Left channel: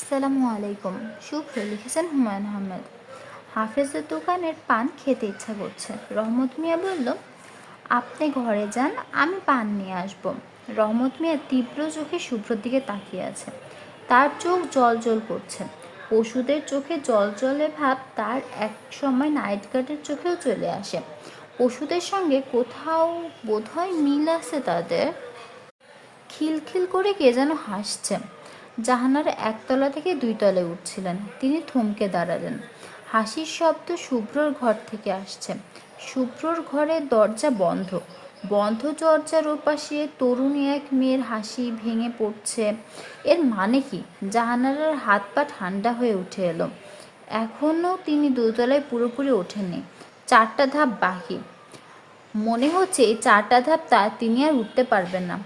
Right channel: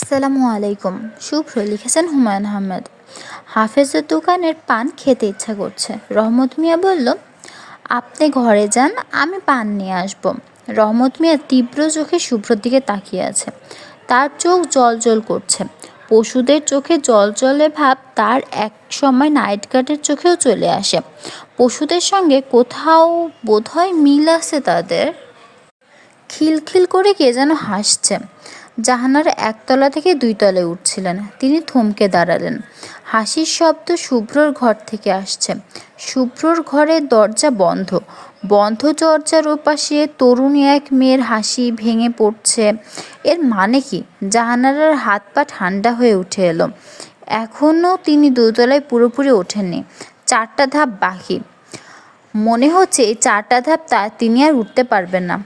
আসসালামু আলাইকুম। শুভ্র লিখেছেন হুমায়ুন আহমেদ। হাফেজের দোকানের পান খেতে ইচ্ছা করছে। রহমত মিয়া বলল, আপনি ঘরে যান, আমি পান নিয়ে আসব। রহমত মিয়া তীব্র চোখে শুভ্রর দিকে তাকিয়ে আছে। তার চোখ জল করছে। পশুদের চোখে জলজলে ভাব তার এক সময় নাইট গার্ডের চোখেও চলে আসে। পশুদের সঙ্গে কোথাও বোধহয় মিল আছে তাদের। খিলখিল করে কে যেন হাসছে। জাহানারা একতলা থেকে দুই তলায় উঠছিলেন। তিনি থমকে দাঁড়ালেন। হাসির শব্দ শুভ্রর ঘর থেকে আসছে। শুভ্রর ঘরের দরজা বন্ধ। বন্ধ দরজার ওপাশে তরুণী এক মেয়ের হাসি ভেঙে পড়ছে। এর মানে কি? জাহানারার হাত পা ঠান্ডা হয়ে উঠে এলো। এখনও তিনি দোতলায় পুরোপুরি ওঠেননি। 4টা ধাপ বাকি। মনে হচ্ছে এই 4টা ধাপ তিনি আর উঠতে পারবেন না।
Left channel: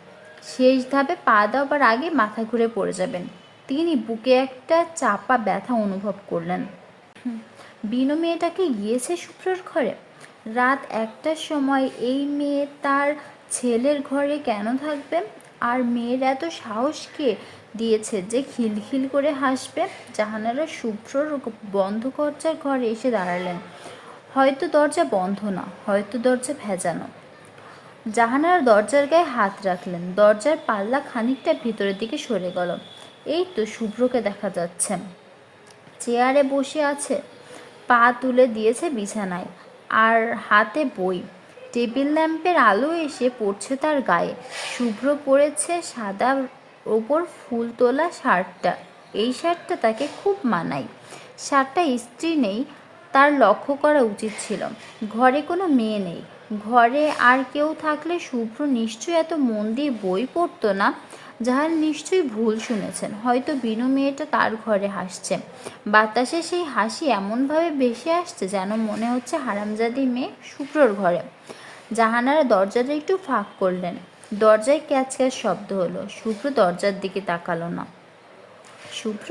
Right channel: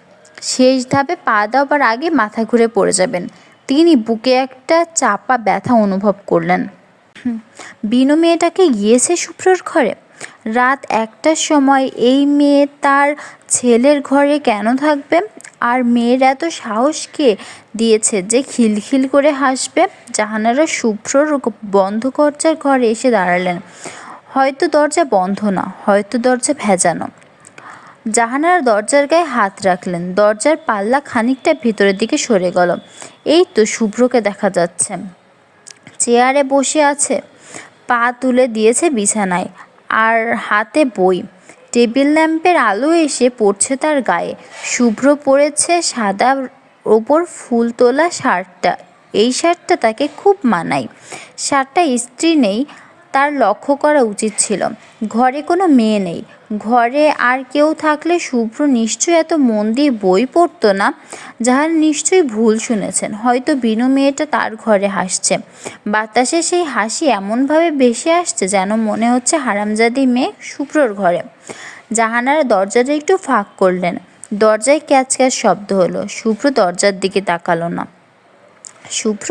শেষ ধাপে পা দেওয়ার আগে মাথা ঘুরে পড়ে যাবেন। তিনি বুকে একটা চাপা ব্যথা অনুভব করলেন। বিনু মেয়েটাকে গিয়েছে শুভ্রর ঘরে। রাত 1টার সময় এই মেয়ে তার ছেলের ঘরে কেন থাকবে? আর মেয়ের এত সাহস কে দিয়েছে যে খিলখিল করে হাসবে? জাহানারা শুভ্রর বন্ধ দরজার ঘরে এসে দাঁড়ালেন। হয়তো দরজা বন্ধ না, হয়তো দরজা ভেজানো। জাহানারা দরজার গায়ে হাত রাখলেন। দরজার পাল্লা খানিকটা ভিতরের দিকে সরে গেল। এই তো শুভ্রকে দেখা যাচ্ছে। চেয়ারে বসে আছে, পা তুলে দিয়েছে বিছানায়, আর হাতে বই। টেবিল ল্যাম্পের আলো এসে পড়ছে তার গায়ে। শুভ্র পরেছে সাদা ওপর ফুল তোলা শার্টটা। এই শার্টটা তাকে খুব মানায়। শার্টটা ইস্ত্রি নেই, তার লক্ষ্য করা উচিত ছিল। ঘরে কোনো মেয়ে নেই। ঘরে আর কেউ থাকলে শুভ্র নিশ্চয়ই এত মন দিয়ে বই পড়তো না। যাহার নিশ্চয়ই ভুল শুনেছেন। হয়তো বিনু মেয়েটা তার ঘরে হাসছে। বাতাসে সেই হাসি এমনভাবে ভেসে আসছে যেন মনে হচ্ছে হারামজাদি মেয়ে শুভ্রর ঘরে। জাহানারা দরজাটা একটু ফাঁক করলেন। দরজায় ক্যাচ ক্যাচ শব্দ হলো। শুভ্র দরজার দিকে তাকালো না। শুভ্র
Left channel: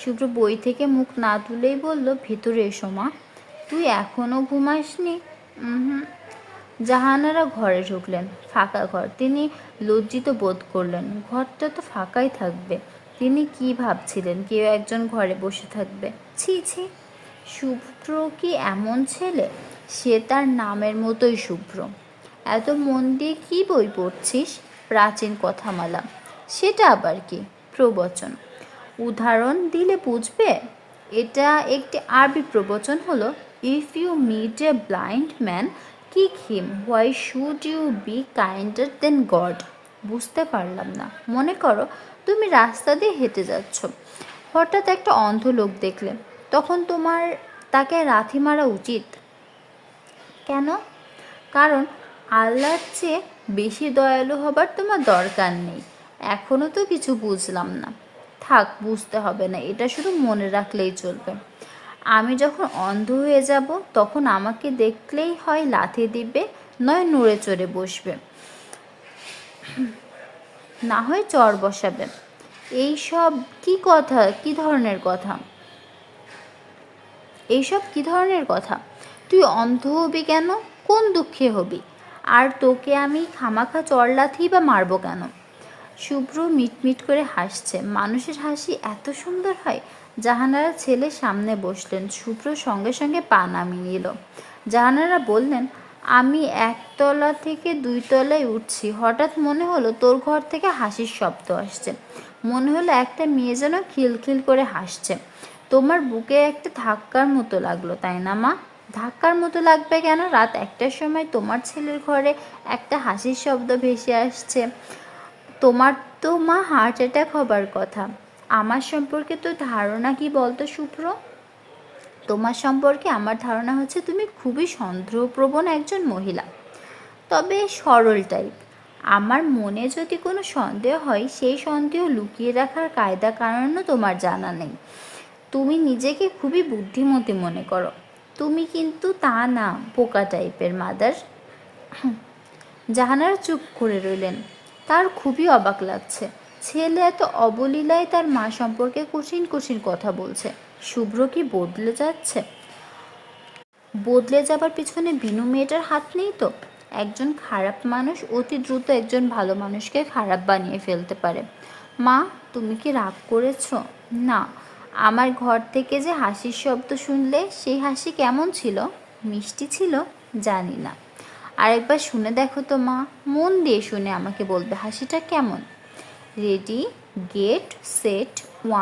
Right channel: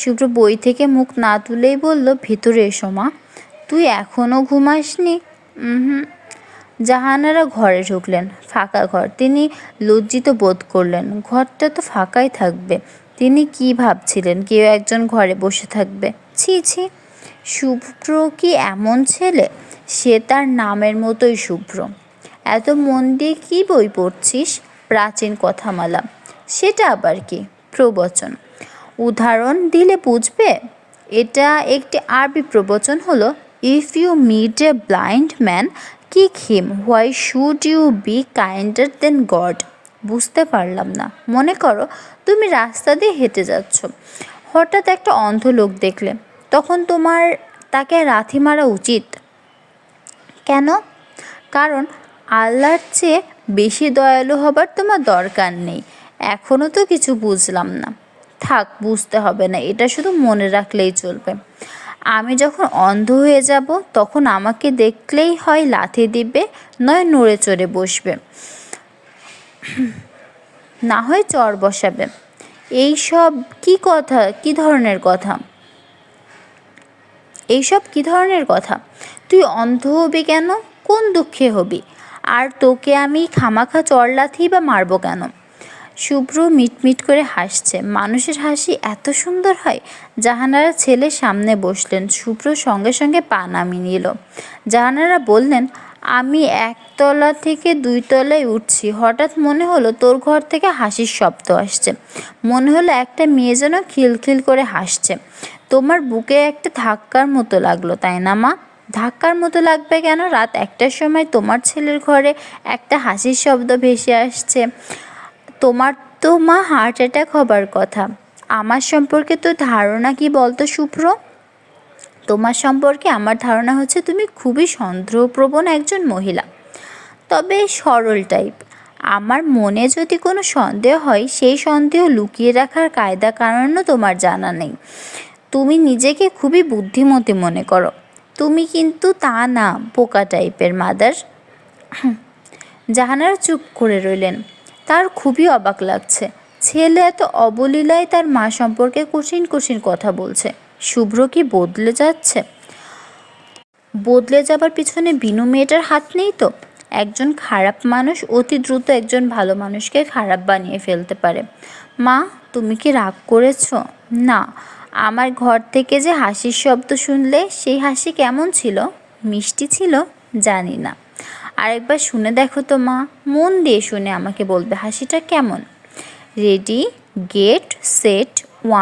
শুভ্র বই থেকে মুখ না তুলেই বলল, ভেতরে এসো মা। তুই এখনও ঘুমাসনি? হুম। জাহানারা ঘরে ঢুকলেন। ফাঁকা ঘর। তিনি লজ্জিত বোধ করলেন। ঘরটা তো ফাঁকাই থাকবে। তিনি কি ভাবছিলেন কেউ একজন ঘরে বসে থাকবে? ছি ছি। শুভ্র কি এমন ছেলে? সে তার নামের মতোই শুভ্র। এত মন দিয়ে কী বই পড়ছিস? প্রাচীন কথামালা। সেটা আবার কি? প্রবচন। উদাহরণ দিলে বুঝবে। এটা একটি আরবি প্রবচন হলো, if you meet a blind man, kick him, why should you be kinder than God? বুঝতে পারলাম না। মনে করো তুমি রাস্তা দিয়ে হেঁটে যাচ্ছ, হঠাৎ একটা অন্ধ লোক দেখলে, তখন তোমার তাকে লাথি মারা উচিত? কেন? কারণ আল্লাহর চেয়ে বেশি দয়ালু হবার তোমার দরকার নেই। এখনও তো কিছু বুঝলাম না। থাক, বুঝতে হবে না, এটা শুধু মনে রাখলেই চলবে। আমি যখন অন্ধ হয়ে যাব তখন আমাকে দেখলেই হয় লাথি দিবে, নয় নড়ে চড়ে বসবে, না হয় চর বসাবে। এইসব কি কথা? কি ধরনের কথা? এইসব কি ধরনের কথা? তুই অন্ধ হবি কেন? কোন দুঃখে হবি? আর তোকে আমি খামাখা চড়লাথি বা মারবো কেন? শুভ্র মিটমিট করে হাসছে। মানুষের হাসি এত সুন্দর হয়। জাহানারা ছেলের সামনে বসলেন। শুভ্র সঙ্গে সঙ্গে পা নামিয়ে নিল। জাহানারা বললেন, আমি 1তলা থেকে 2তলায় উঠছি, হঠাৎ মনে হলো তোর ঘর থেকে হাসির শব্দ আসছে। মনে হলো একটা মেয়ে যেন খিলখিল করে হাসছে। তোমার বুকে একটা ধাক্কার মতো লাগলো, তাই না মা? ধাক্কার মতো লাগবে কেন? রাত 1টার সময় তোমার ছেলের ঘরে একটা হাসির শব্দ ভেসে আসছে। তোমার তো মা হার্ট অ্যাটাক হবার কথা। আমার সম্পর্কে তো ধারণা কি বলতো শুভ্র? তোমার সম্পর্কে আমার ধারণা হচ্ছে তুমি খুবই সন্দেহপ্রবণ একজন মহিলা, তবে সরল টাইপ। আমার মনে যদি কোনো সন্দেহ হয়, সেই সন্দেহ লুকিয়ে রাখার কায়দা কারণও তোমার জানা নেই। তুমি নিজেকে খুবই বুদ্ধিমতী মনে করো। তুমি কিন্তু তা না, বোকা টাইপের মাদার। জাহানারা চুপ করে রইলেন। তার খুবই অবাক লাগছে। ছেলে এত অবলীলায় তার মা সম্পর্কে কঠিন কঠিন কথা বলছে। শুভ্র কি বদলে যাচ্ছে? বদলে যাবার পিছনে বিনু মেয়েটার হাত নেই তো? একজন খারাপ মানুষ অতি দ্রুত একজন ভালো মানুষকে খারাপ বানিয়ে ফেলতে পারে। মা, তুমি কি রাগ করেছো? না। আমার ঘর থেকে যে হাসির শব্দ শুনলে, সেই হাসি কেমন ছিল? মিষ্টি ছিল? জানি না। আরেকবার শুনে দেখো তো মা, মন দিয়ে শুনে আমাকে বলবে হাসিটা কেমন। রেডি, গেট, সেট,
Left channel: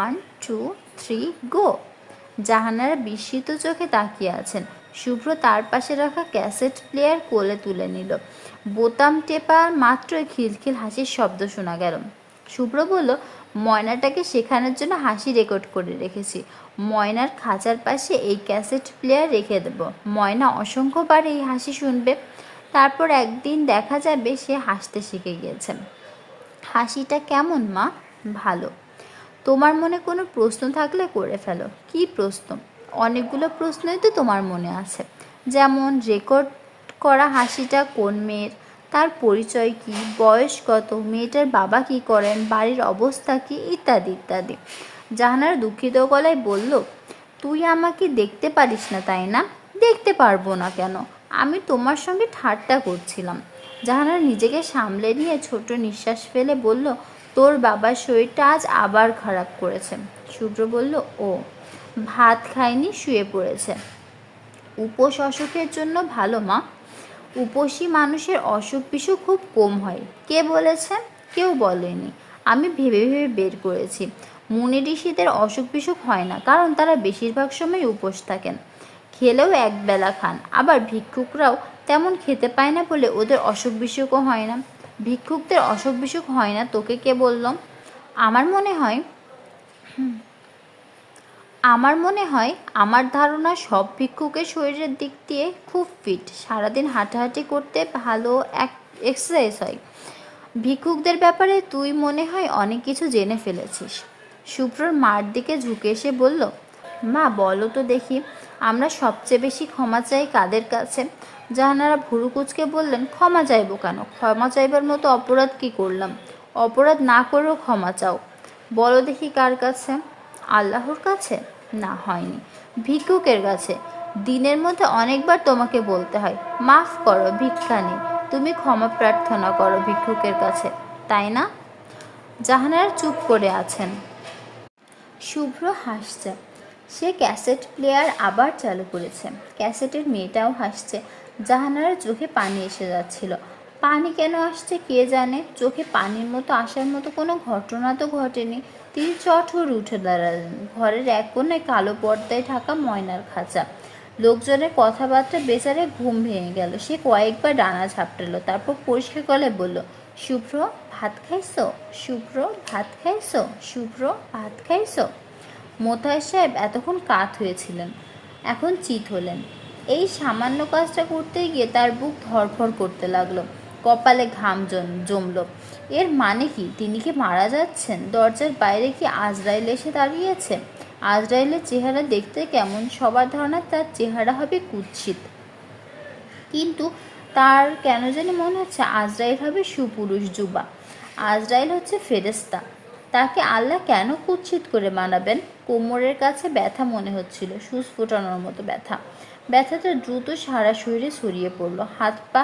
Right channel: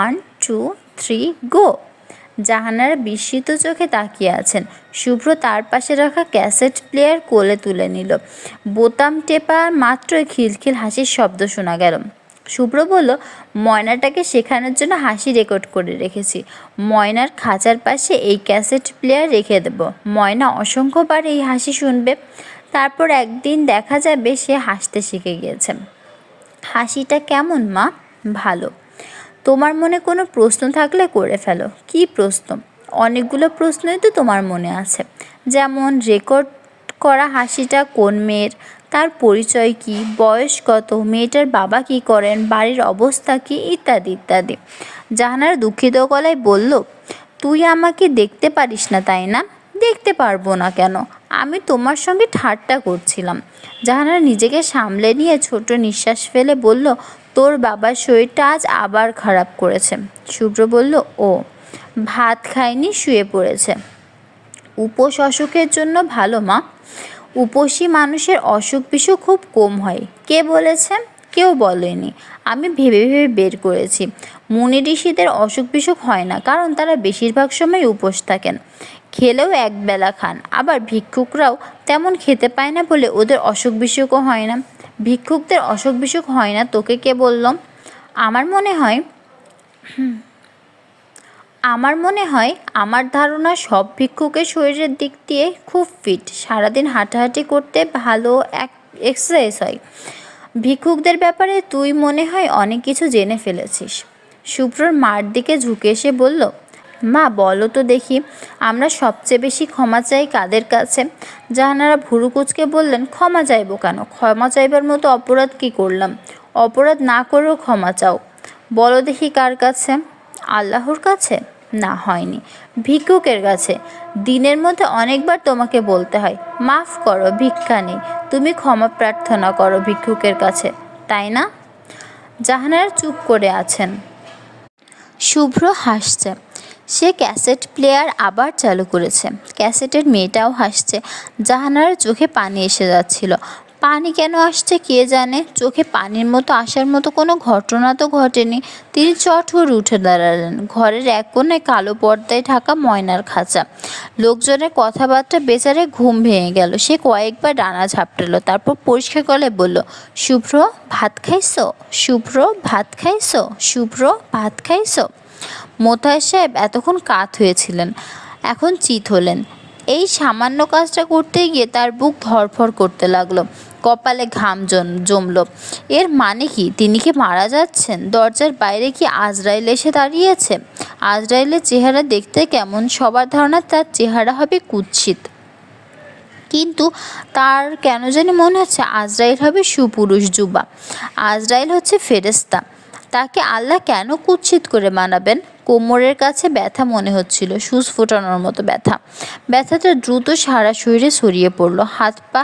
1 2 3 গো। জাহানারা বিস্মিত চোখে তাকিয়ে আছেন। শুভ্র তার পাশে রাখা ক্যাসেট প্লেয়ার কোলে তুলে নিল। বোতাম টেপা মাত্রই খিলখিল হাসির শব্দ শোনা গেল। শুভ্র বলল, ময়নাটাকে শেখানোর জন্য হাসি রেকর্ড করে রেখেছি। ময়নার খাঁচার পাশে এই ক্যাসেট প্লেয়ার রেখে দেব। ময়না অসংখ্যবার এই হাসি শুনবে। তারপর একদিন দেখা যাবে সে হাসতে শিখে গিয়েছে। হাসিটা কেমন মা? ভালো। তোমার মনে কোনো প্রশ্ন থাকলে করে ফেলো। কী প্রশ্ন? অনেকগুলো প্রশ্নই তো তোমার মনে আছে। যেমন রেকর্ড করা হাসিটা কোন মেয়ের, তার পরিচয় কী, বয়স কত, মেয়েটার বাবা কী করেন, বাড়ির অবস্থা কী, ইত্যাদি ইত্যাদি। জাহানারা দুঃখিত গলায় বলল, তুই আমাকে দেখতে পারিস না তাই না? দেখতে পারবো না কেন? আমি তোমার সঙ্গে ঠাট্টা করছিলাম। জাহানারা নিজেকে সামলে নিয়ে ছোট নিঃশ্বাস ফেলে বলল, তোর বাবার শরীরটা আজ আবার খারাপ করেছে। শুভ্র বলল, ও ভাত খায়নি, শুয়ে পড়েছে। উপোস অসুখের জন্য ভালো মা। উপোসী মানুষের অসুখ বিসুখ খুব কম হয়। কে বলেছে? কেউ বলেনি, আমি ভেবে ভেবে বের করেছি। মুনি ঋষিদের অসুখ বিসুখ হয় না, কারণ তারা বেশিরভাগ সময় উপোস থাকেন। খেলেও একবেলা খান। আবার ভিক্ষুকরাও তেমন খেতে পায় না বলে ওদের অসুখ বিসুখও হয় না। ভিক্ষুকদের অসুখ বিসুখ হয় না তোকে কে বলল? আমার মনে হয় আমার ধারণা সব ভিক্ষুকের শরীরের দিক দিয়ে খুব ফিট। সারাদিন হাঁটাহাঁটি করতে ভালো এক্সারসাইজ হয়। ভিক্ষুকদের ব্যাপারে তুই মনে হয় অনেক কিছু জেনে ফেলেছিস। শুভ্রর মার দিকে ঝুঁকে এসে বলল, মা বলো তো দেখি, আমরা সবচেয়ে বেশি ক্ষমা চাই কাদের কাছে? জাহানারা ভুরু কুঁচকে বললেন, ক্ষমা চাইবো কেন? ক্ষমা চাইবার মতো অপরাধ কি করলাম? অপরাধ না করেও ক্ষমা চাও? বলো দেখি কার কাছে? আল্লাহর কাছে? না, হয়নি। ভিক্ষুকের কাছে। দিনের মধ্যে অনেকবার তোমাকে বলতে হয়, মাফ করো, ভিক্ষা নেই। তুমি ক্ষমা প্রার্থনা করো ভিক্ষুকের কাছে, তাই না? জাহানারা চুপ করে আছেন। শুভ্র হাসছে। সে ক্যাসেট প্লেয়ার আবার চালু করেছে। ক্যাসেটের মেয়েটাও হাসছে। জাহানারার চোখে পানি এসে যাচ্ছিল। পানি কেন আসছে কে জানে। চোখে পানির মতো আসার মতো কোনো ঘটনা তো ঘটেনি। তিনি চট করে উঠে দাঁড়ালেন। ঘরের এক কোণায় কালো পর্দায় ঢাকা ময়নার খাঁচা। লোকজনের কথাবার্তা বেচারে ঘুম ভেঙে গেল। সে কয়েকবার ডানা ঝাপটালো, তারপর পরিষ্কার গলায় বলল, শুভ্র ভাত খাইছো? শুভ্র ভাত খাইছো? শুভ্র ভাত খাইছো? মোতায়ের সাহেব এতক্ষণ কাত হয়েছিলেন, এখন চিত হলেন। এই সামান্য কাজটা করতে গিয়ে তার বুক ধড়ফড় করতে লাগলো, কপালে ঘাম জমল। এর মানে কি? তিনি কি মারা যাচ্ছেন? দরজার বাইরে কি আজরাইল এসে দাঁড়িয়েছে? আজরাইলের চেহারা দেখতে কেমন? সবার ধারণা তার চেহারা হবে কুৎসিত, কিন্তু তার কেন জানি মনে হচ্ছে আজরাইল হবে সুপুরুষ যুবা। আজরাইল হচ্ছে ফেরেশতা। তাকে আল্লাহ কেন কুৎসিত করে বানাবেন? কোমরের কাছে ব্যথা মনে হচ্ছিল, সুচ ফোটানোর মতো ব্যথা। ব্যথাটা দ্রুত সারা শরীরে ছড়িয়ে পড়ল। হাত পা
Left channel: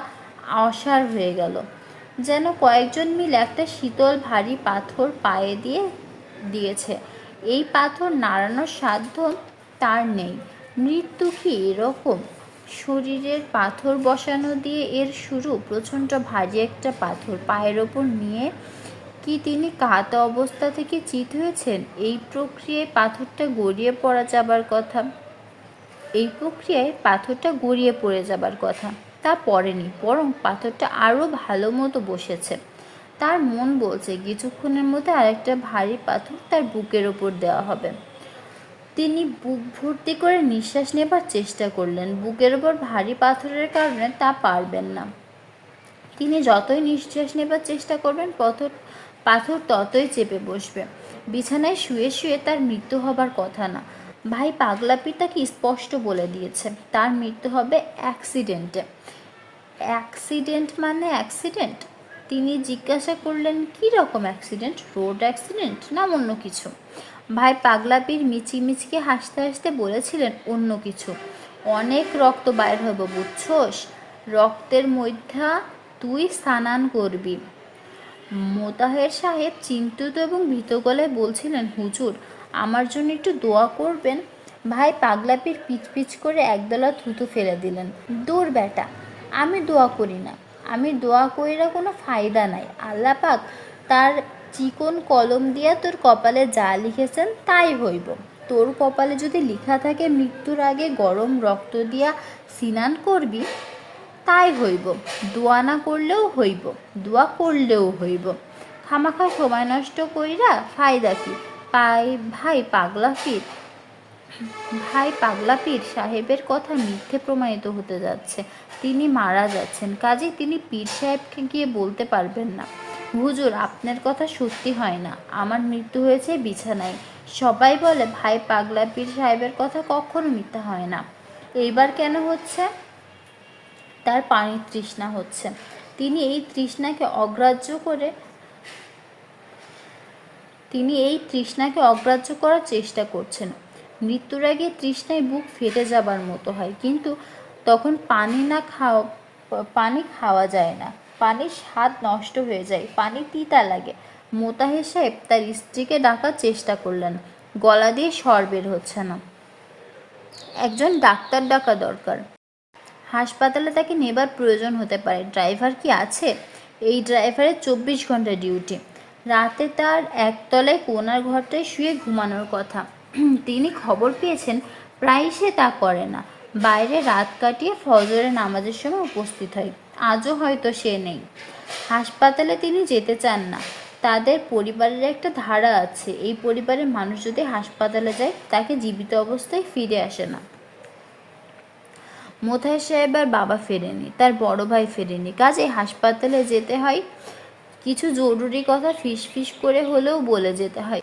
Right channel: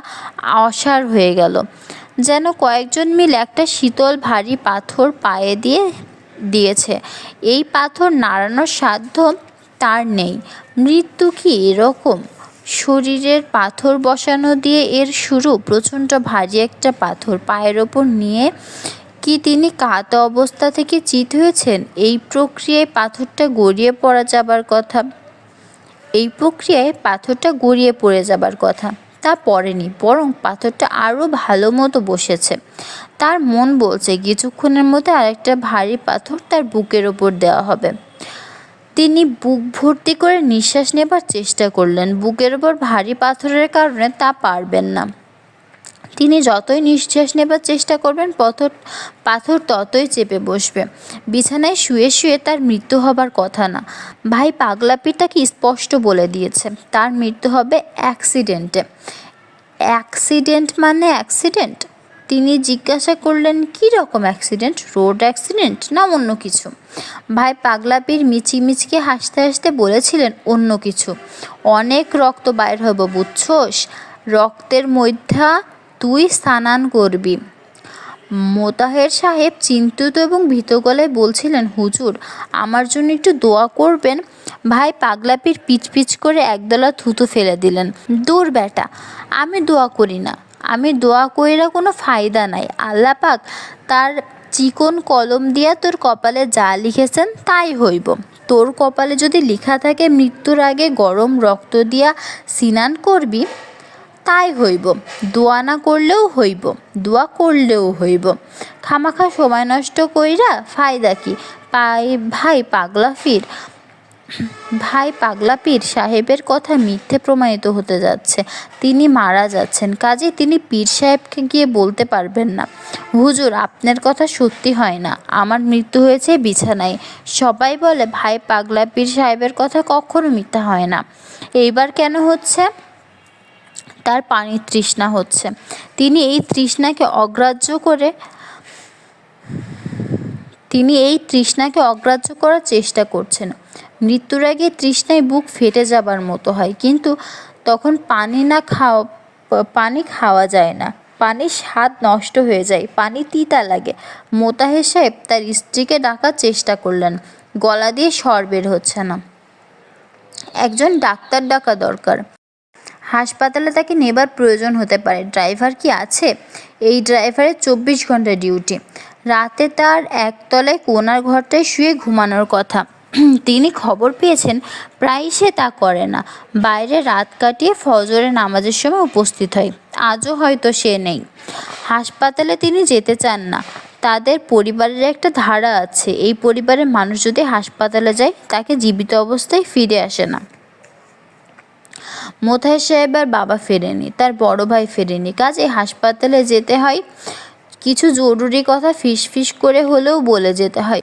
অসাড় হয়ে গেল, যেন কয়েকজন মিলে একটা শীতল ভারী পাথর পায়ে দিয়েছে। এই পাথর নাড়ানোর সাধ্য তার নেই। মৃত্যু কি এরকম? শরীরের পাথর বসানো দিয়ে এর শুরু। প্রচণ্ড ভারী একটা পাথর পায়ের ওপর নিয়ে কি তিনি কাত অবস্থা থেকে চিত হয়েছেন? এই প্রক্রিয়ায় পাথরটা গড়িয়ে পড়ে যাবার কথা। তা পড়েনি, বরং পাথরটা আরও ভালো মতো বসেছে। তার মন বলছে কিছুক্ষণের মধ্যে আরেকটা ভারী পাথর তার বুকের ওপর দেওয়া হবে। তিনি বুক ভর্তি করে নিঃশ্বাস নেবার চেষ্টা করলেন। বুকের ওপর ভারী পাথরের কারণে তা পারবেন না। তিনি যতই নিঃশ্বাস নেবার চেষ্টা করবেন, পাথর ততই চেপে বসবে। বিছানায় শুয়ে শুয়ে তার মৃত্যু হবার কথা না। ভাই পাগলাপি তাকে স্পষ্ট বলে দিয়েছে, তার মৃত্যু হবে অ্যাক্সিডেন্টে। অ্যাক্সিডেন্ট মানে অ্যাক্সিডেন্ট? তিনি জিজ্ঞাসা করলেন, কী রকম অ্যাক্সিডেন্ট? রোড অ্যাক্সিডেন্ট না অন্য কিছু? ভাই পাগলাপির মিচিমিচকে হাসতে হাসতে বলেছিলেন, অন্য কিছু। অনেক রক্ত বাইর হবো, বুঝছোস? রক্তের মধ্যা তুই স্নান করবি। মোতাহের সাহেব চিন্তিত এবং ভীত গলায় বলছিলেন, হুজুর, আমার জন্য একটু দোয়া করবেন। ভাই পাগলাপির পিচ পিচ করে একদলা থুতু ফেলে দিলেন। দূর বেটা, আমি দোয়া করি না, আমি দোয়া কইরা কোনো ফায়দা নাই। আল্লাহ পাক তার চিকন কলম দিয়া তোর কপালে যা লিখেছেন তাই হইব। তোর কপালে যদি লেখা থাকে মৃত্যুর আগে গরম রক্ত দিয়া স্নান করবি, তাই হইব। দোয়া না করলেও হইব, দোয়া করলেও হইব। খামাখা সময় নষ্ট কইরা ফায়দা কি? ভাই পাগলা পীর ভাই পাগলা পীর সাহেবের কথা মিথ্যে প্রমাণিত হতে যাচ্ছে। তিনি মারা যাচ্ছেন, কাজে তিনি পীর সাহেবকে গিয়ে বলতে পারবেন না, হুজুর আপনার কথা সত্যি হয় না, আমার মৃত্যু হয়েছে বিছানায়। সবাই বলে ভাই পাগলা পীর সাহেবের কথা কখনো মিথ্যা হয় না। এইবার কেন হচ্ছে? তার পানির তৃষ্ণা হচ্ছে। তিনি এই তৃষ্ণাকে অগ্রাহ্য করার চেষ্টা করছেন। মৃত্যুর আগে তৃষ্ণায় বুক ফেটে যাবার মতো হয়, কিন্তু তখন পানি খাওয়া যায় না, পানির স্বাদ নষ্ট হয়ে যায়, পানি তিতা লাগে। মোতাহের সাহেব তার স্ত্রীকে ডাকার চেষ্টা করলেন, গলা দিয়ে স্বর বের হচ্ছে না। একজন ডাক্তার ডাকা দরকার, হাসপাতালে তাকে নেবার প্রয়োজন হতে পারে। ড্রাইভার কি আছে? এই ড্রাইভারের 24 ঘন্টা ডিউটি। রাতে তার একতলায় কোনার ঘরটায় শুয়ে ঘুমানোর কথা। তিনি খবর পেয়েছেন প্রায়ই সে তা করে না, বাইরে রাত কাটিয়ে ফজরের নামাজের সময় উপস্থিত হয়। আজও হয়তো সে নেই। হাসপাতালে তিনি যেতে চান না। তাদের পরিবারের একটা ধারা আছে, এই পরিবারের মানুষ যদি হাসপাতালে যায় তাকে জীবিত অবস্থায় ফিরে আসে না। মোতাহের সাহেবের বাবা ফেরেনি, তার বড় ভাই ফেরেনি, কাজে হাসপাতালে যেতে হয়। কিছু জরুরি কথা ফিস করে হলেও বলে যেতে হয়।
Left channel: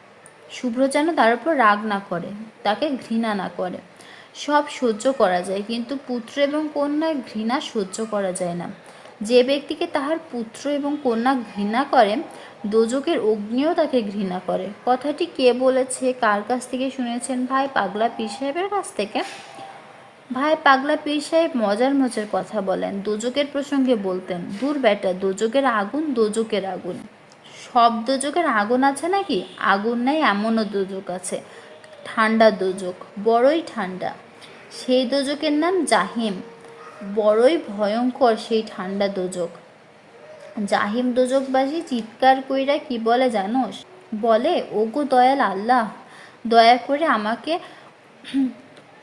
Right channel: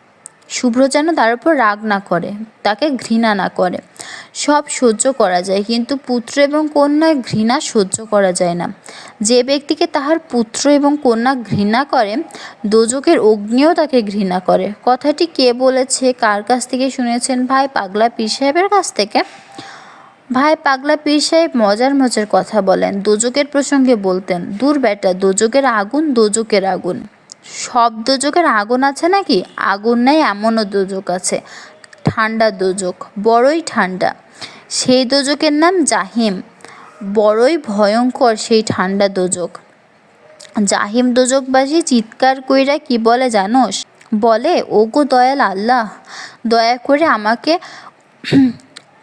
শুভ্র যেন তার উপর রাগ না করে, তাকে ঘৃণা না করে। সব সহ্য করা যায়, কিন্তু পুত্র এবং কন্যার ঘৃণা সহ্য করা যায় না। যে ব্যক্তিকে তাহার পুত্র এবং কন্যা ঘৃণা করে, দোজখের অগ্নিও তাকে ঘৃণা করে। কথাটি কে বলেছে, কার কাছ থেকে শুনেছেন? ভাই পাগলা পীর সাহেবের কাছ থেকে। ভাই পাগলা পীর সাহেব মজার মজার কথা বলেন, দোজখের প্রসঙ্গে বলতেন। দূর বেটা, দোজখের আগুন, দোজখের আগুন। সব দোজখের আগুন আছে নাকি? আগুন নাই এমনও দোজখ আছে, ঠান্ডা দোজখ, বড়ই ঠান্ডা। সেই দোজখের নাম জাহিম। বড়ই ভয়ঙ্কর সেই ঠান্ডা দোজখ। জাহিম দোজখবাসী চিৎকার কইরা কি বলে জানোস? বলে, ওগো দয়াল আল্লাহ, দয়া করে আমাকে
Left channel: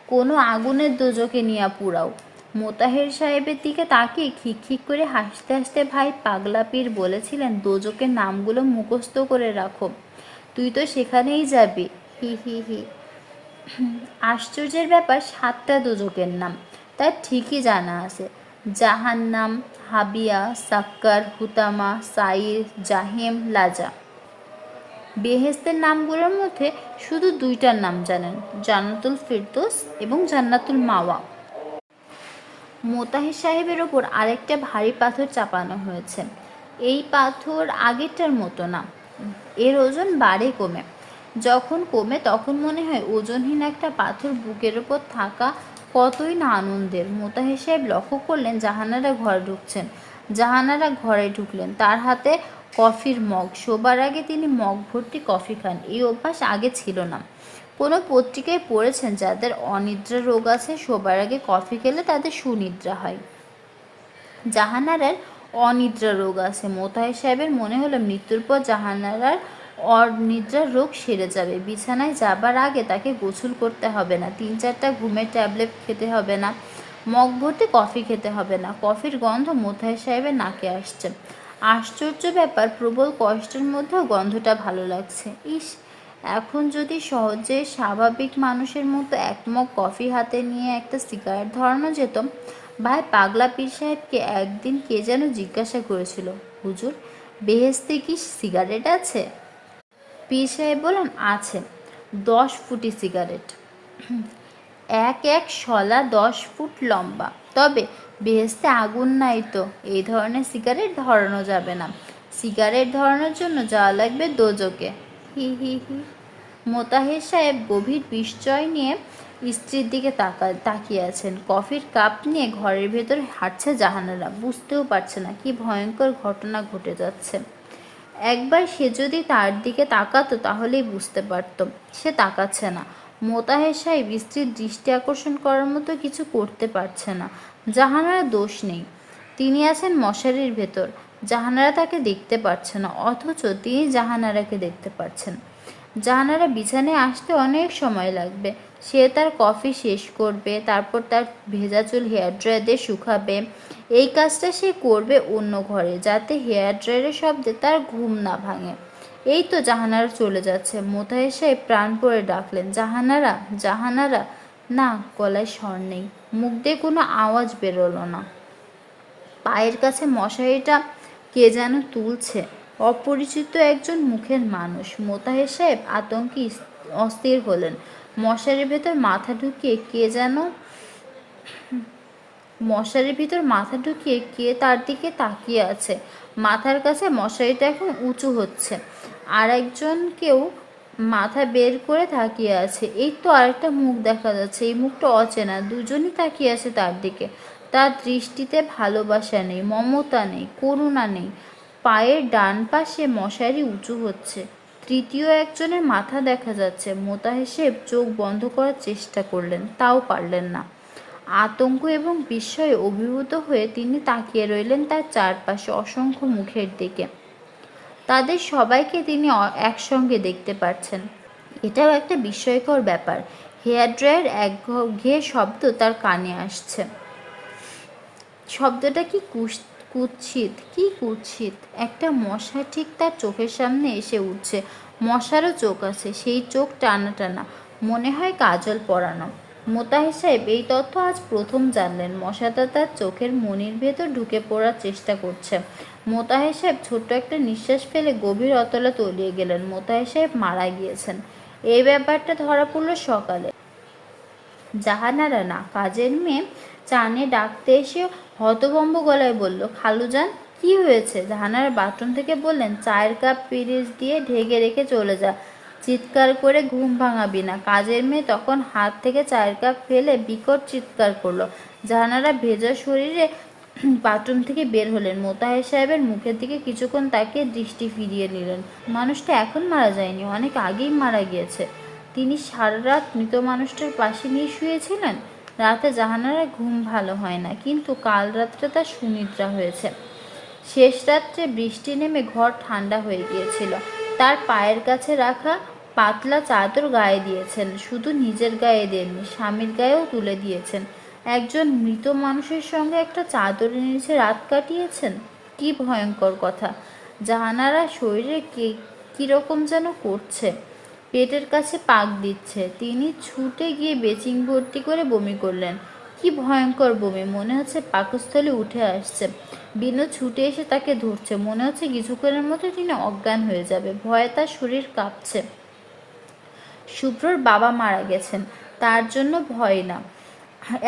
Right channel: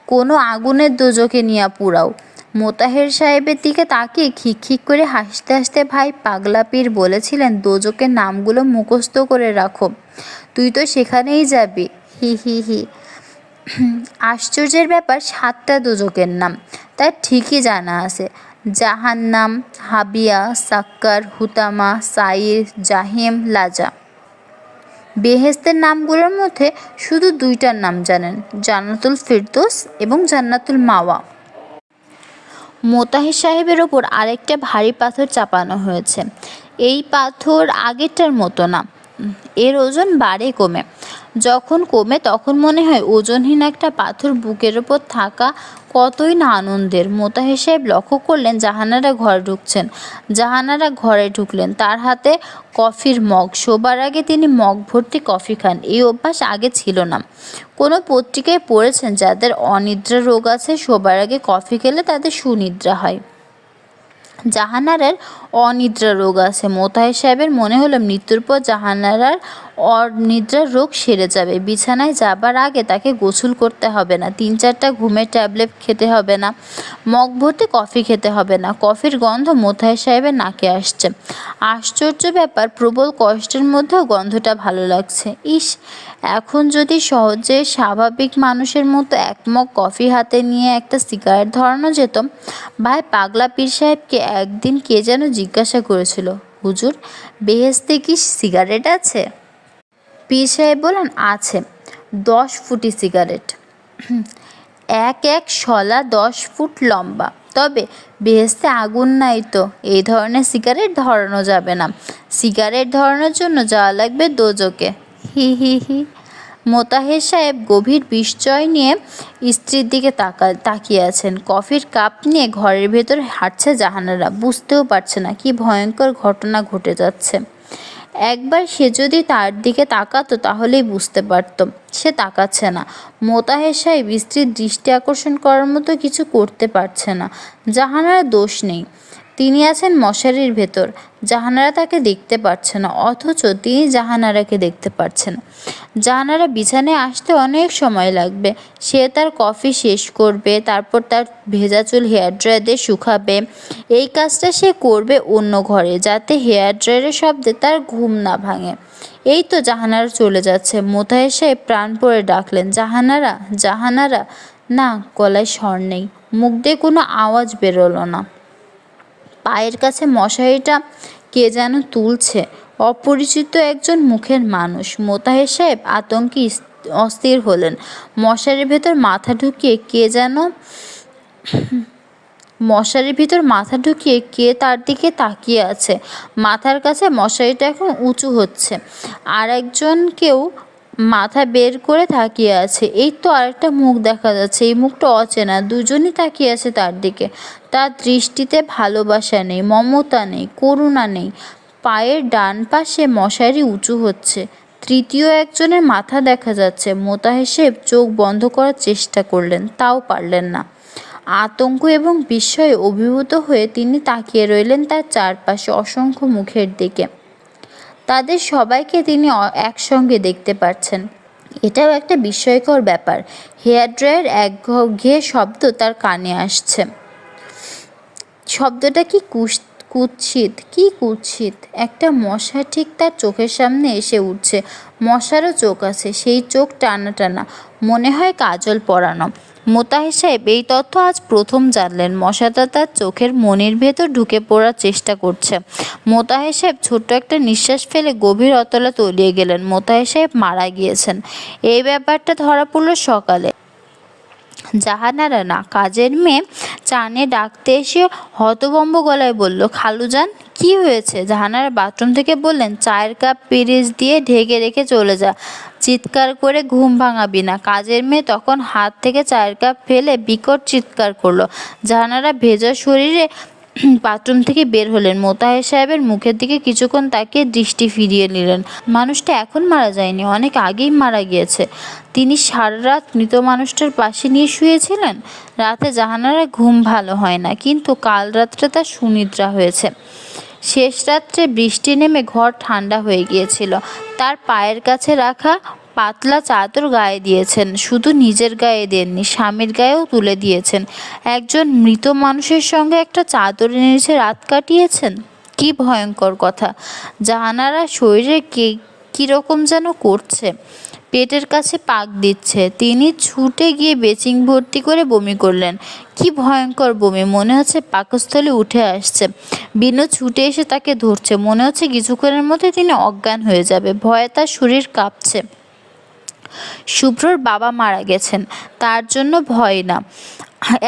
কোনো আগুনের দোজখে নিয়ে পুরাও। মোতাহের সাহেবের দিকে তাকিয়ে খিক করে হাসতে হাসতে ভাই পাগলা পীর বলেছিলেন, দোজখের নামগুলো মুখস্থ করে রাখো, তুই তো সেখানেই যাবি। হি হি হি। আশ্চর্যের ব্যাপার, 7টা দোজখের নাম তার ঠিকই জানা আছে। জাহান্নাম, হাবিয়া, সাক্কার, হুতামা, সাইর, জাহিম, লাজা। বেহেশতের নামগুলোর মধ্যে শুধু 2টার নাম জানেন, জান্নাতুল ফিরদৌস এবং জান্নাতুল মাওয়া। মোতাহের সাহেবের ওপর আরেকটা ভারী পাথর চাপানো হয়েছে। এই পাথর আগেরটার মতো না, এর ওজন বাড়ে কমে। যখন কমে তখন মনে হয় ওজনহীন একটা পাথর বুকের ওপর থাকা কতই না আনন্দের। মোতাহের সাহেব লক্ষ্য করলেন জাহানারা ঘরে ঢুকছেন। জাহানারা ঘরে ঢুকলেন, তার হাতে কফির মগ। শোবার আগে তিনি মগ ভর্তি কফি খান, এই অভ্যাস আগে ছিল না। কোনো পত্রিকায় পড়েছেন যাদের অনিদ্রা রোগ আছে শোবার আগে কফি খেলে তাদের সুনিদ্রা হয়। জাহানারার অনিদ্রা রোগ আছে। মোতাহের সাহেবের মনে হলো মৃত্যুর পর জাহানারার অনিদ্রার রোগ সেরে যাবে। বিছানায় যাবার আগে তাকে গোসল করতে হবে না, 3-4টা ঘুমের ট্যাবলেট খেতে হবে না, মগ ভর্তি কফি খেতে হবে না। কফির গন্ধ মোতাহের সাহেবের নাকে আসছে। আশ্চর্য ব্যাপার, প্রবল কষ্টের মধ্যেও গন্ধটা ভালো লাগছে। ইস, এখন যদি সহজে স্বাভাবিক মানুষের মতো এক মগ কফি হাতে নিয়ে একটা সিগারেট ধরানো যেত। ভাই পাগলা পীর সাহেবকে একদিন কে যেন জিজ্ঞাসা করেছিল, হুজুর, বেহেশতে কি সিগারেট আছে? পীর সাহেব বলেন, আছে, 10 ফুটি সিগারেট, এক শলা 10 ফুট লম্বা। তবে বেহেশতে আগুন নাই তো, এই ধরনের সিগারেট ধরানো যাবে না। সিগারেট ধরানোর জন্য যাওয়া লাগবে দোজখে। হি হি হি। মোতাহের সাহেব গভীর বিস্ময় নিয়ে স্ত্রীর দিকে তাকিয়ে আছেন। কফির কাপ নিয়ে ঘরের ভেতর হাঁটছে জাহানারা, বুঝতেও পারছে না কি ভয়ঙ্কর ঘটনা ঘটে যাচ্ছে। একবার সে যদি তার দিকে তাকাতো তাহলেই বুঝতে পারত সে তাকাচ্ছে না। মোতাহের সাহেব স্ত্রীর দৃষ্টি আকর্ষণ করার মতো কিছু করতে পারছে না। জাহানারা দোষ নেই, তিনি আছেন মশারির ভেতর। জাহানারা তাকে দেখতে পাচ্ছে না, অথচ তিনি জাহানারাকে দেখতে পাচ্ছেন। জাহানারা বিছানায় আসতে অনেক সময় লাগবে। সে তার কফি শেষ করবে, তারপর তার ভেজা চুল হেয়ার ড্রায়ার দিয়ে শুকাবে। এই কাজটা সে করবে অন্য ঘরে, যাতে হেয়ার ড্রায়ারের শব্দে তার ঘুম না ভাঙে। এই তো জাহানারা চলে যাচ্ছে। মোতাহের সাহেব প্রাণ পড়ে ডাকলেন, জাহানারা, জাহানারা। না, গলায় স্বর নেই, মুখ দিয়ে কোনো আওয়াজ বেরোলো না। পায়ের কাছে মশারিটা কে যেন তুলছে, অপরিচিত একজন মুখের মানুষ। মোতাহের সাহেব আতঙ্কে অস্থির হলেন। মশারির ভেতর মাথা ঢুকিয়ে কে যেন মশারির ভিতর মাথা ঢুকিয়ে কে তার দিকে তাকিয়ে আছে। মাথার কাছে মশারিটা এখন উঁচু হচ্ছে, আর কেউ মাথা বের করে তাকিয়ে আছে। এই তো আরেকটা মুখ দেখা যাচ্ছে, এই মুখটা অচেনা। দুজনই তাকিয়ে আছে তার দিকে। তার দৃষ্টিতে ভালোবাসা নেই, মমতা নেই, করুণা নেই। পায়ের ডান পাশে মশারি উঁচু হচ্ছে, তৃতীয় একজনের মাথা দেখা যাচ্ছে। মোতাহের সাহেব চোখ বন্ধ করার চেষ্টা করলেন, তাও পারলেন না। আতঙ্ক এবং বিস্ময়ে অভিভূত হয়ে তিনি তাকিয়ে রইলেন তার চারপাশে অসংখ্য মুখের দিকে। তাদের সবাইকে তিনি একসঙ্গে দেখতে পাচ্ছেন। এটাও একটা বিস্ময়কর ব্যাপার। হেয়ার ড্রায়ার একঘেয়ে শব্দ তার কানে আসছে। শব্দটা কুৎসিত, কি কুৎসিত! একটা মশা ঠিক তার চোখের সামনে এসে উঠছে। মশারও চোখ আছে, সেই চোখ টানা টানা, মনে হয় কাজল পরানো। মোতাহের সাহেব এই তথ্য আজ প্রথম জানলেন। মশাটা তার চোখের মনির ভেতর ঢুকে পড়ার চেষ্টা করছে। মোতাহের সাহেব ছোট্ট একটা নিঃশ্বাস ফেলে গভীর অতলে তলিয়ে গেলেন। মোতাহের সাহেব মারা গিয়েছেন। এই ব্যাপারটা ধরা পড়ল সকালে। জাহানারা না, কাজের মেয়ে চানে ডাকতে এসে হতভম্ব গলায় বলল, খালুজান, কি হয়েছে? জাহানারা বাথরুম থেকে বললেন, চায়ের কাপ পিরিচ দিয়ে ঢেকে রেখে চলে যা, চিৎকার করে ঘুম ভাঙাবি না। কাজের মেয়ে তখন হাত থেকে চায়ের কাপ ফেলে বিকট চিৎকার করলো। জাহানারা ভেজা শরীরে বাথরুম থেকে বের হলেন। মোতাহের সাহেবের মুখের দিকে কিছুক্ষণ তাকিয়ে দৃষ্টি ফিরিয়ে নিলেন। মানুষটা এখন মারা যায়নি, অনেক আগেই মারা গিয়েছে। তিনি সারা রাত মৃত মানুষটার পাশে নিয়ে শুয়েছিলেন। রাতে জাহানারা ঘুম ভালো হয় না, কিন্তু কাল রাত্রে তার সুনিদ্রা হয়েছে। শেষ রাত্রে বৃষ্টি নেমে ঘর ঠান্ডা হয়ে গিয়েছিল। তার পায়ের কাছে রাখা পাতলা চাদর গায়ে দিয়েছেন। শুধু নিজের গায়ে দেননি, স্বামীর গায়েও তুলে দিয়েছেন। একজন মৃত মানুষের সঙ্গে একটা চাদরের নিচে রাত কাটিয়েছেন, কি ভয়ঙ্কর কথা! জাহানারা শরীরে কীরকম যেন করছে, পেটের কাছে পাক দিচ্ছে। তিনি ছুটে গিয়ে বেচিং ভর্তি করে বমি করলেন। কি ভয়ঙ্কর বমি! মনে হচ্ছে পাকস্থলী উঠে আসছে। বিনু ছুটে এসে তাকে ধরছে। মনে হচ্ছে কিছুক্ষণের মধ্যে তিনি অজ্ঞান হয়ে যাবে। ভয়ে তার শরীর কাঁপছে। শুভ্রর বাবা মারা গেছেন, তার জন্য ভয় না,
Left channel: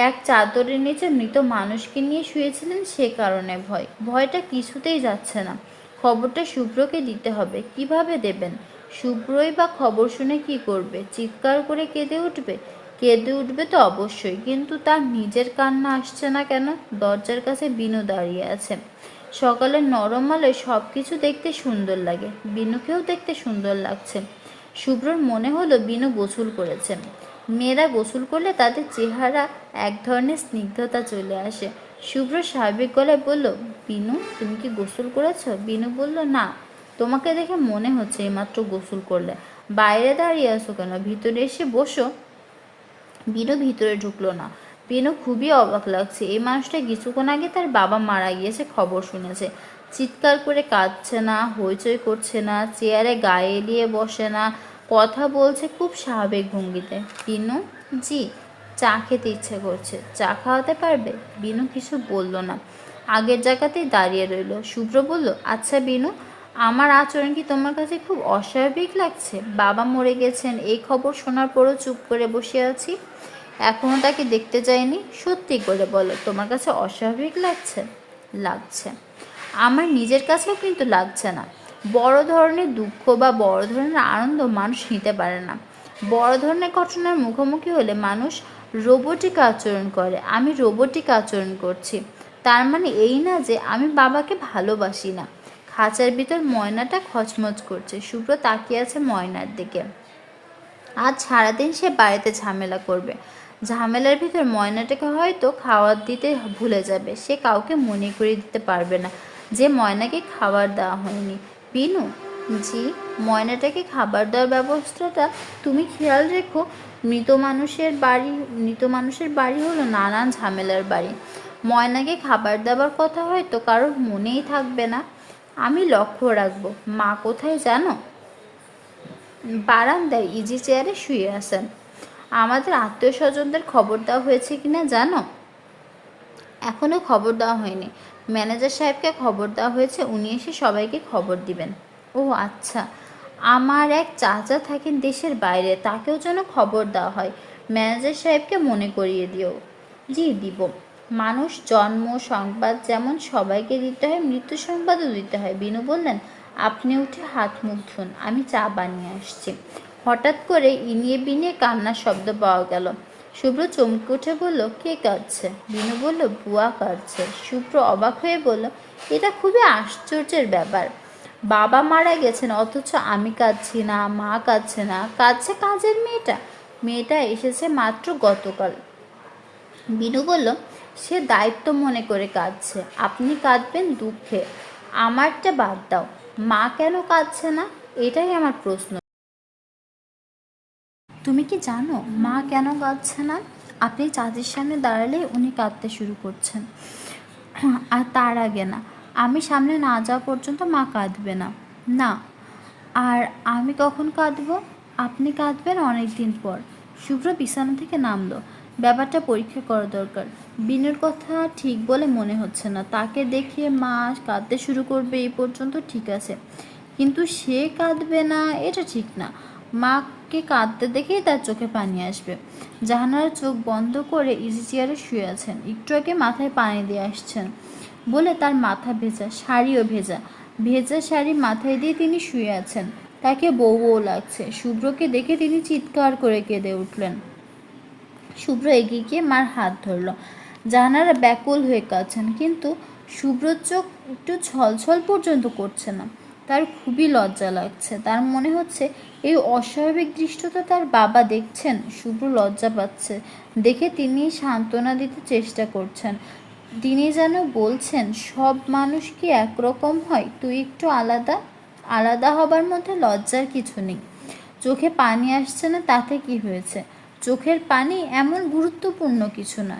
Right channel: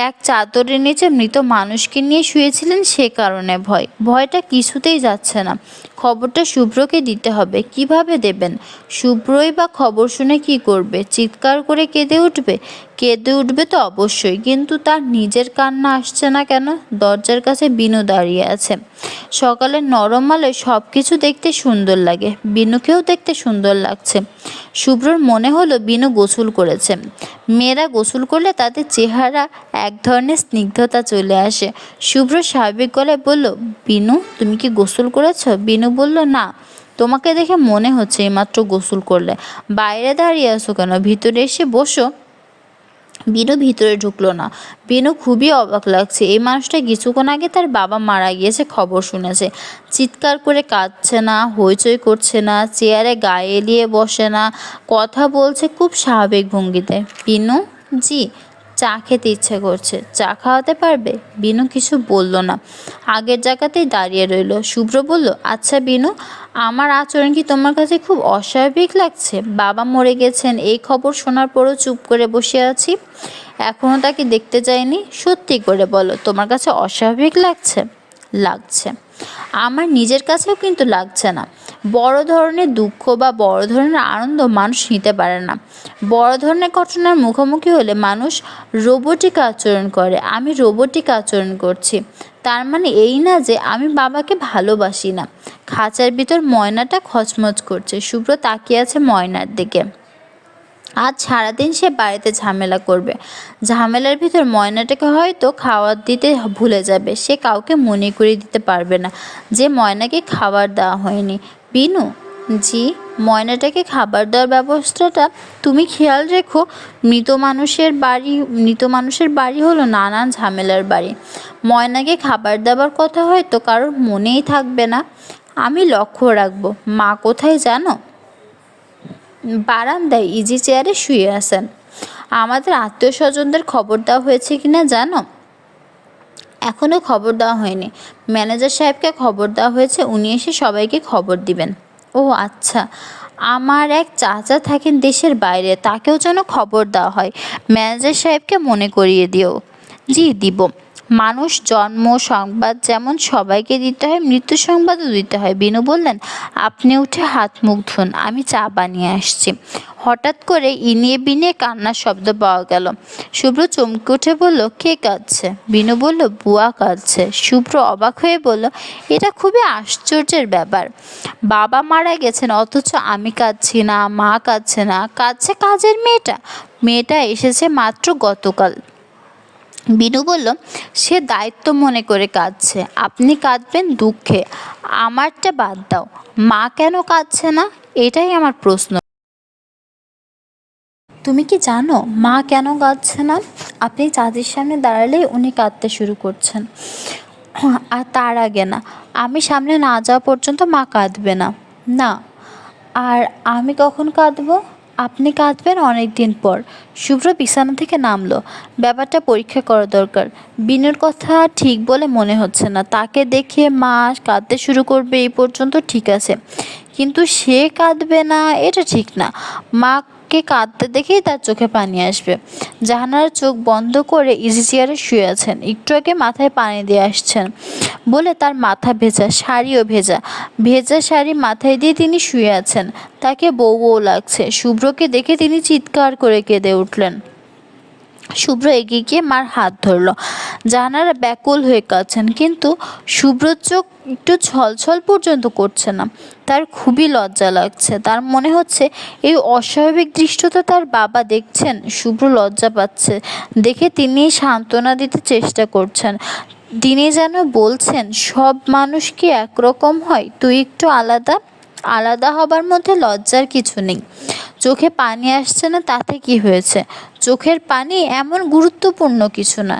এক চাদরের নিচে মৃত মানুষকে নিয়ে শুয়েছিলেন, সে কারণে ভয়। ভয়টা কিছুতেই যাচ্ছে না। খবরটা শুভ্রকে দিতে হবে। কিভাবে দেবেন? শুভ্রই বা খবর শুনে কি করবে? চিৎকার করে কেঁদে উঠবে? কেঁদে উঠবে তো অবশ্যই, কিন্তু তার নিজের কান্না আসছে না কেন? দরজার কাছে বিনু দাঁড়িয়ে আছে। সকালের নরম আলোয় সব কিছু দেখতে সুন্দর লাগে, বিনুকেও দেখতে সুন্দর লাগছে। শুভ্রর মনে হলো বিনু গোসল করেছে। মেয়েরা গোসল করলে তাদের চেহারা এক ধরনের স্নিগ্ধতা চলে আসে। শুভ্র স্বাভাবিক গলায় বলল, বিনু, তুমি কি গোসল করেছ? বিনু বলল, না, তোমাকে দেখে মনে হচ্ছে এইমাত্র গোসল করলে। বাইরে দাঁড়িয়ে আছো কেন? ভিতরে এসে বসো। বিনু ভিতরে ঢুকলো না। বিনু খুবই অবাক লাগছে। এই মানুষটা কিছুক্ষণ আগে তার বাবা মারা গিয়েছে খবর শুনেছে। চিৎকার করে কাঁদছে না, হইচই করছে না, চেয়ারে গায়ে এলিয়ে বসে না, কথা বলছে খুব স্বাভাবিক ভঙ্গিতে। বিনু, জি, চা খেতে ইচ্ছে করছে, চা খাওয়াতে পারবে? বিনু কিছু বলল না, আগের জায়গাতেই দাঁড়িয়ে রইল। শুভ্র বলল, আচ্ছা বিনু, আমার আচরণ কি তোমার কাছে খুব অস্বাভাবিক লাগছে? বাবা মরে গেছেন এই খবর শোনার পরও চুপ করে বসে আছি, এখনও তাকে দেখতে যাইনি। সত্যি করে বলো, তোমার কাছে অস্বাভাবিক লাগছে? লাগছে। আমার নিজের কাছেও কিন্তু লাগছে না। বড় ধরনের দুঃখ বা বড় ধরনের আনন্দ মানুষ নিতে পারে না। বড় ধরনের ঘটনার মুখোমুখি হলে মানুষ রোবটিক আচরণ করে। আমি রোবটিক আচরণ করছি, তার মানে এই না যে আমি বাবাকে ভালোবাসি না। খাঁচার ভিতর ময়নাটা খচমচ করছে। শুভ্র তাকিয়ে আছে ময়নার দিকে। আজ সারাদিন সে বাড়িতে ঝামেলা করবে। ঝামেলার ভিতর ময়নাটাকে হয়তো খাবার দিতে ভুলে যাবে। সে কাউকে মনে করিয়ে দিতে পারবে না যে ময়নাকে খাবার দেওয়া হয়নি। বিনু, জি। ময়নাটাকে খাবার দেওয়ার ব্যবস্থাটা তুমি খেয়াল রেখো। মৃত মানুষের বাড়ি হলো নানান ঝামেলার বাড়ি। ময়নাকে খাবার দেওয়ার কথা হয়তো কারোর মনেই থাকবে না। আমি লক্ষ্য রাখবো। মা কোথায় জানো? বারান্দায় ইজি চেয়ারে শুয়ে আছেন। আমাদের আত্মীয় স্বজনদের খবর দেওয়া হয়েছে কিনা জানো? এখনও খবর দেওয়া হয়নি। ম্যানেজার সাহেবকে খবর দেওয়া হয়েছে, উনি এসে সবাইকে খবর দিবেন। ও আচ্ছা। আমার এক চাচা থাকেন দেশের বাইরে, তাকেও যেন খবর দেওয়া হয়। ম্যানেজার সাহেবকে মনে করিয়ে দিও। জি, দিব। মানুষ জন্ম সংবাদ যেমন সবাইকে দিতে হয়, মৃত্যু সংবাদও দিতে হয়। বিনু বললেন, আপনি উঠে হাত মুখ ধুন, আমি চা বানিয়ে আসছি। হঠাৎ করে ইনিয়ে বিনিয়ে কান্নার শব্দ পাওয়া গেল। শুভ্র চমকে উঠে বলল, কে কাঁদছে? বিনু বলল, বুয়া কাঁদছে। শুভ্র অবাক হয়ে বলল, এটা খুবই আশ্চর্যের ব্যাপার। বাবা মারা গেছেন অথচ আমি কাঁদছি না, মা কাঁদছে না, কাঁদছে কাজের মেয়েটা। মেয়েটা এসেছে মাত্র গতকাল। বিনু বলল, সে দায়িত্ব মনে করে কাঁদছে, আপনি কাঁদবেন দুঃখে। আমারটা বাদ দাও, মা কেন কাঁদছে না এটাই আমার প্রশ্ন। তুমি কি জানো মা কেন কাঁদছে না? আপনি চাচির সামনে দাঁড়ালেই উনি কাঁদতে শুরু করছেন। আর তার আগে না, আমি সামনে না যাওয়া পর্যন্ত মা কাঁদবে না। না। আর আমি কখন কাঁদবো? আপনি কাঁদবেন অনেক দিন পর। শুভ্র বিছানা থেকে নামলো। ব্যাপারটা পরীক্ষা করা দরকার। বিনুর কথা ঠিক বলে মনে হচ্ছে না। তাকে দেখে মা কাঁদতে শুরু করবে এই পর্যন্ত ঠিক আছে, কিন্তু সে কাঁদবে না এটা ঠিক না। মাকে কাঁদতে দেখেই তার চোখে পানি আসবে। জাহানারা চোখ বন্ধ করে ইজি চেয়ারে শুয়ে আছেন। একটু আগে মাথায় পানি দিয়ে আসছেন বলে তার মাথা ভেজা, শাড়িও ভেজা। ভেজা শাড়ি মাথায় দিয়ে তিনি শুয়ে আছেন। তাকে বউ বউ লাগছে। শুভ্রকে দেখে তিনি চিৎকার করে কেঁদে উঠলেন। শুভ্র এগিয়ে গিয়ে মার হাত ধরল। জাহানারা ব্যাকুল হয়ে কাঁদছেন, কিন্তু শুভ্রর চোখ একটু ছলছল পর্যন্ত করছে না। তার খুবই লজ্জা লাগছে। তার মনে হচ্ছে এই অস্বাভাবিক দৃশ্যটা তার বাবা দেখছেন। শুভ্র লজ্জা পাচ্ছে দেখে তিনি সান্ত্বনা দিতে চেষ্টা করছেন। তিনি যেন বলছেন, সব মানুষ কি একরকম হয়? তুই একটু আলাদা। আলাদা হবার মধ্যে লজ্জার কিছু নেই। চোখে পানি আসছে না তাতে কি হয়েছে? চোখের পানি এমন গুরুত্বপূর্ণ কিছু না।